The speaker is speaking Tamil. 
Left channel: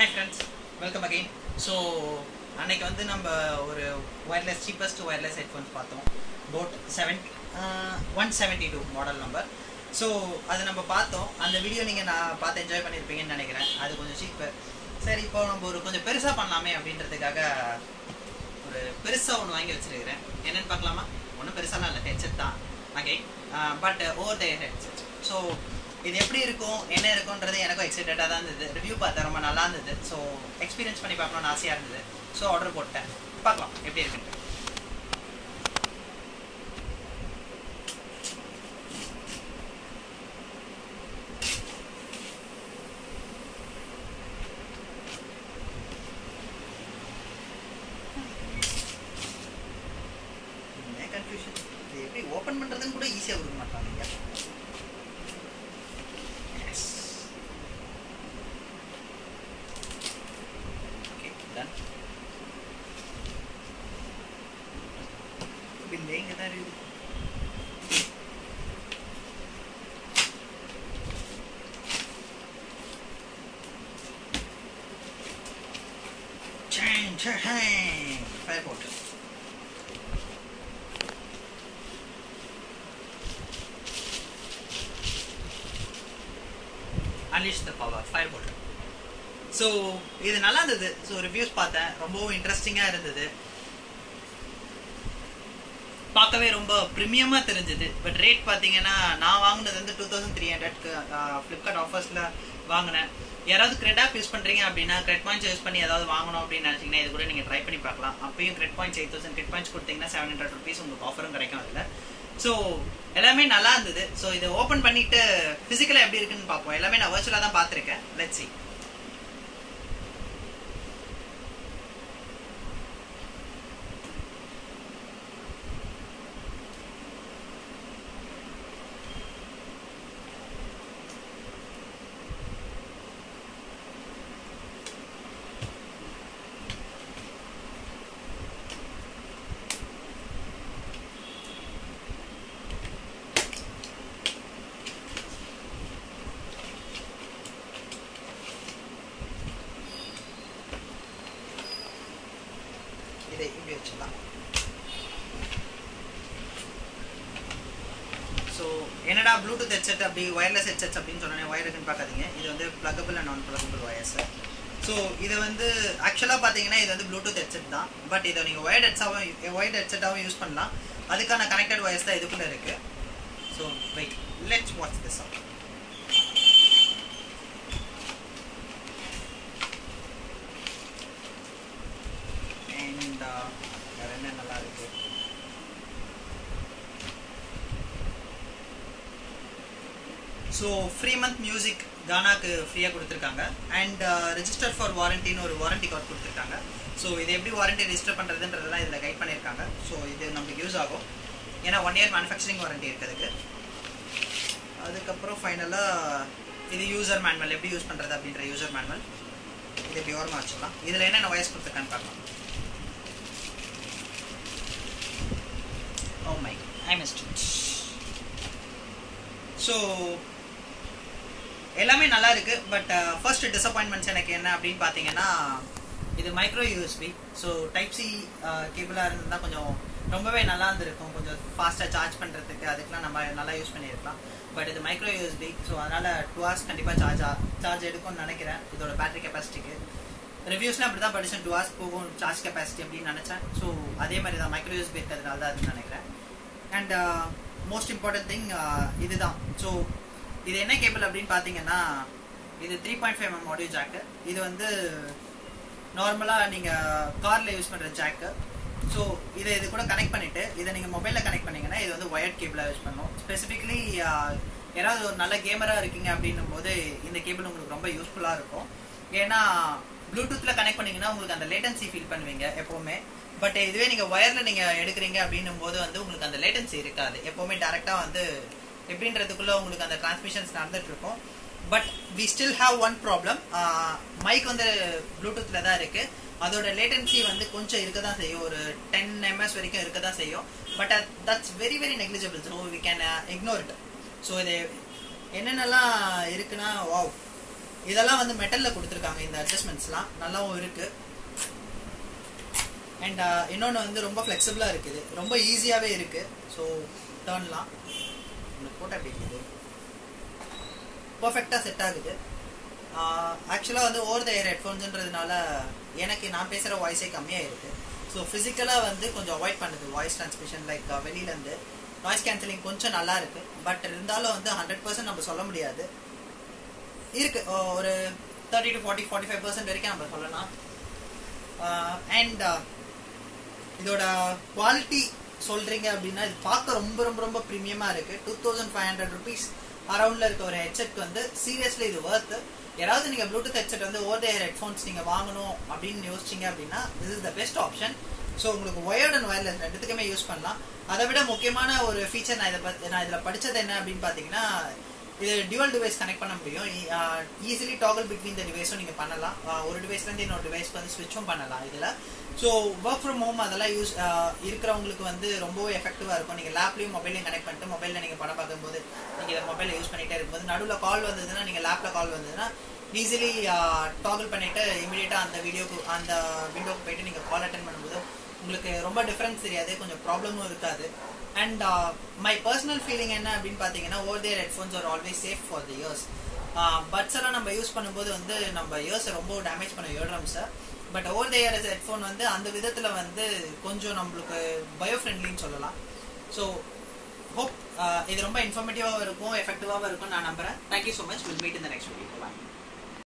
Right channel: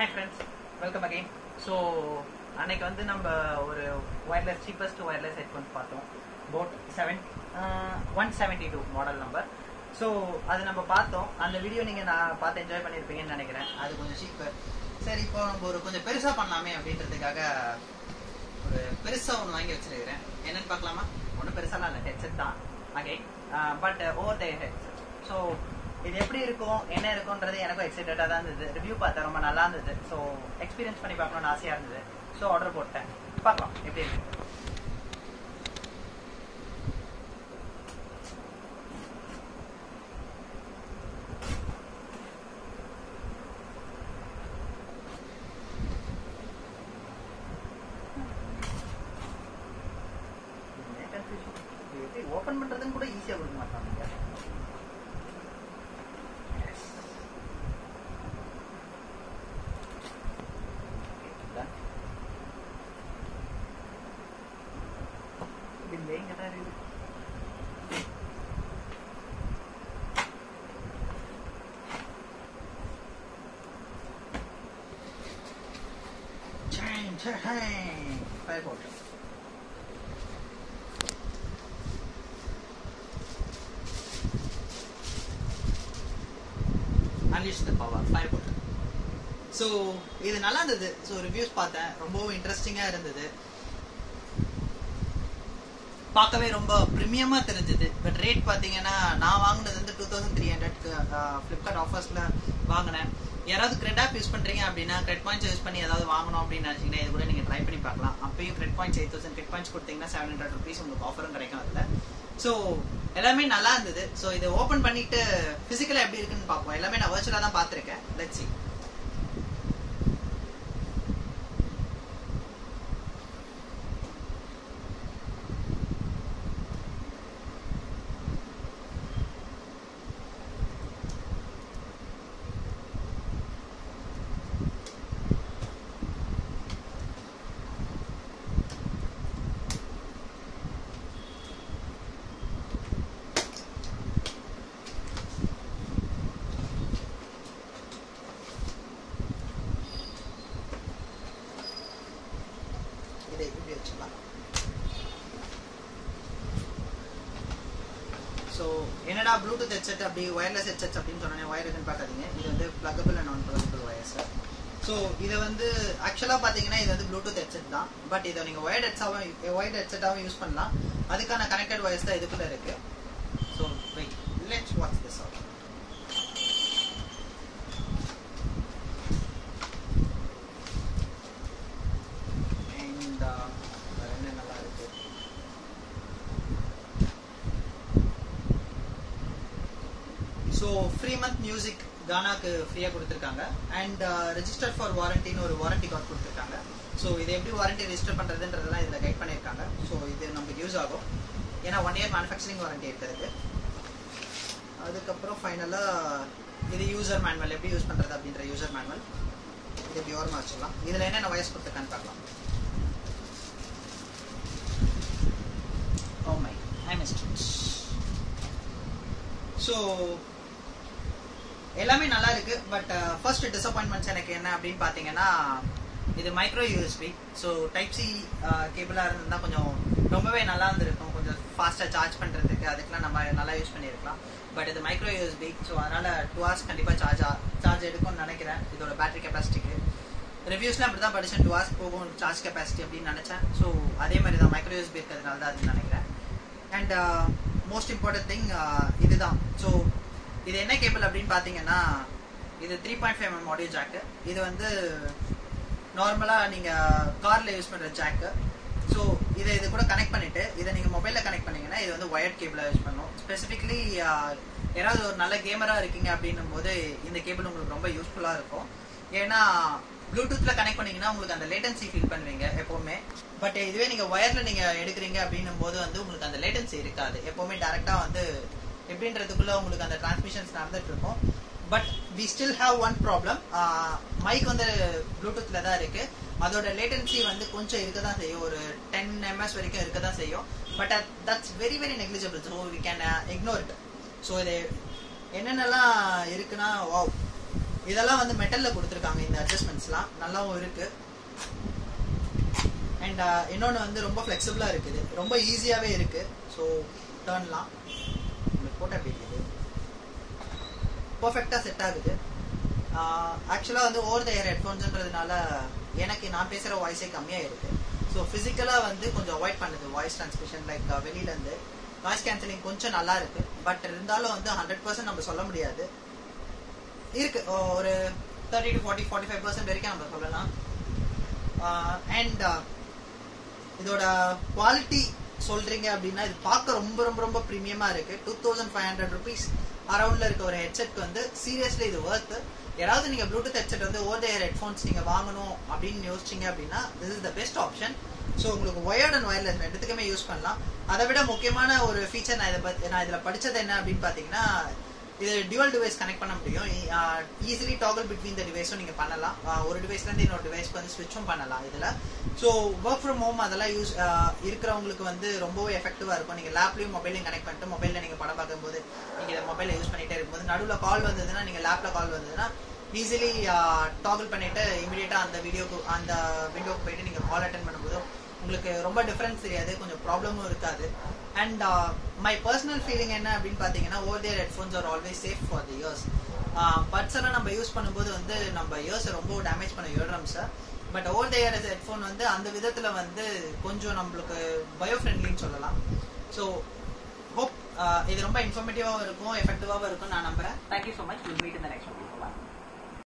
Hi friends, welcome again. So அன்னைக்கு வந்து நம்ம ஒரு wireless cheapest wireless headphones பார்த்தோம். Boat 172 model number. ஸோ அது நம்ம பார்த்தோம். அந்த வீடியோ நீங்கள் நான் பார்த்து என்ஜாய் பண்ணியிருப்பீங்கன்னு நினைக்கிறேன். அது கொஞ்சம் சீப்பு. சரி, இப்போ நம்ம ஒரு கொஞ்சம் பெருசாக பண்ணலாமே அப்படின்றதுக்காக ஒரு பெருசாக ஒன்று வாங்கி வச்சுருக்கிறேன். என்னென்னு பார்க்கலாமா? ஒன்றும் பெருசாலாம் இல்லை, ஹெட்செட் தான். Okay, but over the headset. So இது எப்படி இருக்கும், என்ன இருக்கும்ன்றது எனக்கும் எக்ஸைட்டடாக தான் இருந்தது. ரிவ்யூ பார்த்தேன், ரொம்ப நல்லா இருந்தது. ஸோ எக்ஸ்பீரியன்ஸ் பண்ணி பார்க்கணும்னு ஆசையாக இருந்தது. ஸோ ஆர்டர் போட்டேன். பார்க்கலாம் எப்படி இருக்குன்ட்டு. கன்ஃபியூஷன், இது எப்படி ஓப்பன் பண்ணுறதுன்னு கூட ஈஸியாக கொடுக்க மாட்டாங்க. பில்லே இங்கே தான் இருக்குது. ஃபயர் போட்டு அன்லீஷ் தி பவர், ஃபயர் போட்டு. ஸோ இது நல்லா இருந்தது. ஸோ ரிவ்யூஸ் பார்த்தேன், ரொம்பவும் இன்ட்ரெஸ்டிங்காக இருந்தது. பார்க்கவே ரொம்ப ப்ரீமியமாக தெரிஞ்சது. பட் ரேட் பார்த்தீங்கன்னா நான் வாங்கினது வந்து 2300க்கு ஃப்ளிப்கார்ட் ஆஃபர்ஸில் வாங்கினேன். யாராவது கிரெட் ஆப் யூஸ் பண்ணுறீங்க அப்படின்னா கிரெட் பாயிண்ட்ஸ் யூஸ் பண்ணி ஏதாவது வாங்கணும் அப்படின்னு நினச்சிங்கன்னா இது கூட நீங்கள் ட்ரை பண்ணி பார்க்கலாம். அப்பயும் கிரெட் பாயிண்ட்ஸ் 8000 கிரெட் பாயிண்ட்ஸ் கொடுத்தீங்கன்னா 700 rupees உங்களுக்கு ஆஃபரும் கிடைக்கும் அதில். ஸோ எல்லாமே நல்லா இருந்தது. ஸோ இதை ஓப்பன் பண்ணிட்டு ஃபிசிக்கலாக எப்படி இருக்குன்னு பார்ப்போம். எல்லாமே நான் வர்ச்சுவலாக தான் பார்த்துருக்கேன். Let's see. இப்படி வச்சுக்கலாம். ஸோ என்னடா ப்ளூடூத் ஹெட்செட் அப்படி ஒயர்லெஸ் ஹெட்செட்ஸ் அப்படின்னு சொன்னேன், ஒயர் இருக்குன்னு பார்க்காதீங்க. இது வந்து பிளக்கபிள் அண்ட் நான் பிளக்கபிள் ஒயர்ஸ். ஸோ இதை வந்து ஆக்சுவலாக பார்த்தீங்கன்னா இது வந்து ப்ளூடூத் ஹெட்செட் தான். பட் இதை நீங்கள் ஒயர்ட் ஹெட்செட்டாகவும் யூஸ் பண்ணலாம். அதுக்கான கனெக்டட் ஒயர்ஸ் தான் இதுக்குள்ளே இருக்குது. So wait, let's watch this out. வேற என்ன நல்லா இருக்கு. ஸோ ஃப்ரீ மந்த் மியூசிக் கானாக்கு ஃப்ரீயாக கொடுத்துருக்காங்க. அண்ட் ரெஜிஸ்டர் ஃபார் வாரண்டின்னு ஒரு வாரண்டி கார்டு கொடுத்துருக்காங்க. ஸோ இது எப்படி வாரண்டி ரெஜிஸ்டர் பண்ணுறதுன்றதெல்லாம் இதில் கைட் பண்ணியிருக்காங்க. ஸோ இது நமக்கு யூஸ் ஆகும். ஏன்னா 1 year மேனுஃபேக்சரிங் வாரண்டி இருக்கிறதுக்கு. அதுக்கப்புறம் ஃபைனலாக இது யூசர் மேனுவல், எப்படி யூஸ் பண்ணுறது அப்படின்ற யூசர் மேனுவல். இது எப்படி ஓரமாக வச்சுக்கலாம். இதில் என்னென்ன வயசு கொடுத்துருக்கான்னு பார்க்கலாம். Oh my, I missed it. So எல்லாமே நல்லா இருக்கு. பட் ஃபர்ஸ்ட் டிசப்பாயின்மெண்ட்ஸ் எனக்கு என்ன அப்படின்னு பார்த்தீங்கன்னா, இது micro USB. So type C கேபிளாக இருந்ததுதான் கொஞ்சம் ரொம்பவே நல்லா இருந்திருக்கும். கொஞ்சம் ஃபாஸ்ட்டாக சார்ஜ் பண்ணுறதுக்கு அதுக்கெலாம் நம்ம நல்லா யூஸ் பண்ணியிருக்கலாம். பட் இது மைக்ரோ யூஎஸ்பி. ஸோ அதனால் 2 hours கண்டிப்பாக சார்ஜ் எடுக்கும்னு நினைக்கிறேன். இதோட பேட்டரி கெப்பாசிட்டிக்கு ரிவ்யூஸ்லாம் அப்படி தான் படித்தேன். 2 hours போகும் சார்ஜ் கெப்பாசிட்டி அப்படின்னு நினச்சேன். ஸோ அதே மாதிரி தான் மைக்ரோ யூஎஸ்பி இருக்கிறதுனால தான் அதுன்னு நினைக்கிறேன். அண்ட் மோஸ்ட் இம்பார்ட்டன்ட் திங் இதுதான். ஸோ இது என்ன கேபிள் அப்படின்னு பார்த்தீங்கன்னா, இது 3.5mm ஆடியோ ஜாக்கு. இது வந்து நார்மலாக நீங்கள் காரில் யூஸ் பண்ணுற ஜாக்கு. ஸோ இது கூட கனெக்ட் பண்ணிவிட்டு இதை நீங்கள் மொபைலில் கனெக்ட் பண்ணிங்கன்னா இது வந்து ஒயர்ட் கேபிளாக யூஸ் பண்ணணும். ஸ்பெசிஃபிக்லி யாராவது ஒரு நல்ல கேமராக இருக்கீங்க அப்படின்னும் போது இந்த கேபிள் உங்களுக்கு ரொம்ப யூஸ்ஃபுல்லாக இருக்கும். ஏன்னா ப்ளூடூத்தில் கனெக்ட் பண்ணிங்கன்னா உங்களுக்கு அந்த லேட்டன்சி ஃபீல் பண்ணுவீங்க எப்போவுமே. பட் இதுவே நீங்கள் ஒயரில் நீங்கள் எடுக்கிறீங்க அப்படின்னும் போது வந்து உங்களுக்கு அந்த லேட்டன்சி இருக்காது. எப்போவுமே டேரெக்டாக வந்து எப்படின்றதுக்குள்ளே உங்களுக்கு அந்த டிரான்ஸ்மிஷன்ஸ் நடந்துட்டு இருக்கும். But we still have one problem. Mic வந்து ப்ளூடூத்தில் தான் இருக்குது. அதோட லேட்டன்சி வந்து கொஞ்சம் இருக்க தான் செய்யும், ஒரு 10 ms வரைக்கும் இருக்க தான் செய்யும். But that's very very negligible. So we can ignore it. So இது என்னென்னலாம் இருக்குன்னா, வாவ், இதெல்லாம் வந்து மெட்டல்ல கொடுத்துருக்காங்க. இந்த அட்ஜஸ்ட்மெண்ட்ஸ்லாம் நல்லாவும் இருக்கு. அண்ட் இன்னொன்று வந்து ரொம்ப ஃப்ளெக்சிபிளா இருக்குது, ரொம்ப ஈஸியாவே இருக்கு. ஸோ டர்ன்லாம் போட்டோ எப்படி இருக்குது, பர்ஃபெக்டா செட் ஆகுது. ஆக்சுவலா வந்து ஓவர் த இயர் ஹெட்ஃபோன்ஸ்ன்றதுனால எனக்கு நான் பேசுற வாய்ஸே கம்மியா இருக்கு. ஸோ பிசிக்கலா வந்து கொஞ்சம் அவாய்ட் பண்ணுது வாய்ஸ் டிரான்ஸ்மிஷன். லைக் வெளியில இருந்து நாய்ஸ் கேன்சலிங் கொஞ்சம் நல்லா இருக்கு. பட் இருந்தாலும் வந்து 100% நம்ம சொல்ல முடியாது. இருக்கு ஒரு 30 to 45% வரைக்கும் நம்ம சொல்லலாம். அண்ட் இதோட குவாலிட்டி சொல்றீங்க அப்படின்னா இது பார்க்க ரொம்ப ரொம்ப ரொம்ப பிரீமியமா இருக்கு. 2500 rupees அரௌண்ட்ல இருக்க ஒரு ஹெட்செட் வந்து சீரியஸ்லி இது வர்த். யாராவது நீங்க ப்ளூடூத் ஹெட்செட் வந்து ஓவர் த இயர் ஹெட்ஃபோன்ஸ் நீங்க வாங்கணும் அப்படின்னு யோசிச்சீங்க அப்படின்னா this is the best option. So உங்களுக்கு ஒயர்ட் அண்ட் ஒயர்லெஸ் ரெண்டுத்துக்குமே யூஸ் பண்ணலாம். அதை விட முக்கியமான ஒரு ஃபீச்சர் நான் இதுல படிச்சது என்ன அப்படின்னு பாத்தீங்கன்னா, இது டியூவல் டிவைஸ் கனெக்ட் பண்ண முடியும். ஈஸிலி டாகல் பிட்வீன் த டிவைஸும் நீங்க பண்ணலாம். ஒரு டிவைஸ்ல இருந்து இன்னொரு டிவைஸ்க்கு வந்து ஸ்விட்சும் பண்ணலாம் இதுல. ஸோ ஒர்க் ஃப்ரம் ஹோம் அதெல்லாம் யூஸ் இருக்கிறவங்களுக்கு வந்து ரொம்பவே எஃபெக்டிவா இருக்கும். நீங்க லேப்லயும் மொபைலையும் கனெக்ட் பண்ணிட்டு மொபைல்ல நீங்க படம் பார்க்கும்போது நீங்க இதை மொபைல யூஸ் பண்ணிட்டே இருக்கும்போது நடுவில் கால் வந்ததுன்னா, நீங்க லேப்ல கால் வந்ததுன்னா ஈஸிலி டாகல் பண்ணிட்டு இமீடியட்டா அந்த விண்டோக்கு போயிட்டு நீங்க கால் அட்டென்ட் பண்ணும்போது உங்களுக்கு ரொம்ப டிஃபரன்ஸ் தெரியாது, கொஞ்சம் ப்ராப்ளமும் இருக்காது. அண்ட் மை பர்சனல் ஃபீலிங் என்ன அப்படின்னு பாத்தீங்கன்னா, over the ear headphones are always safe for the ears. Buds எல்லாம் நம்ம யூஸ் பண்ணும்போது வந்து நம்ம இயர்ஸை ரொம்ப டேமேஜ் பண்ண இயர்ட்ரம்ஸை. But over the ear headphone வந்து அந்த விதத்துல வந்து கொஞ்சம் நம்மளுக்கு பயோ ஃப்ரெண்ட்லின்னு சொல்லலாம். ஸோ ஹோப் இது ரொம்ப இன்ஃபர்மேட்டிவாகவும் இருக்கும், எஃபெக்டிவாகவும் இருக்கும் நான் நம்புறேன். Thank you so much. Will meet in the next video. Bye.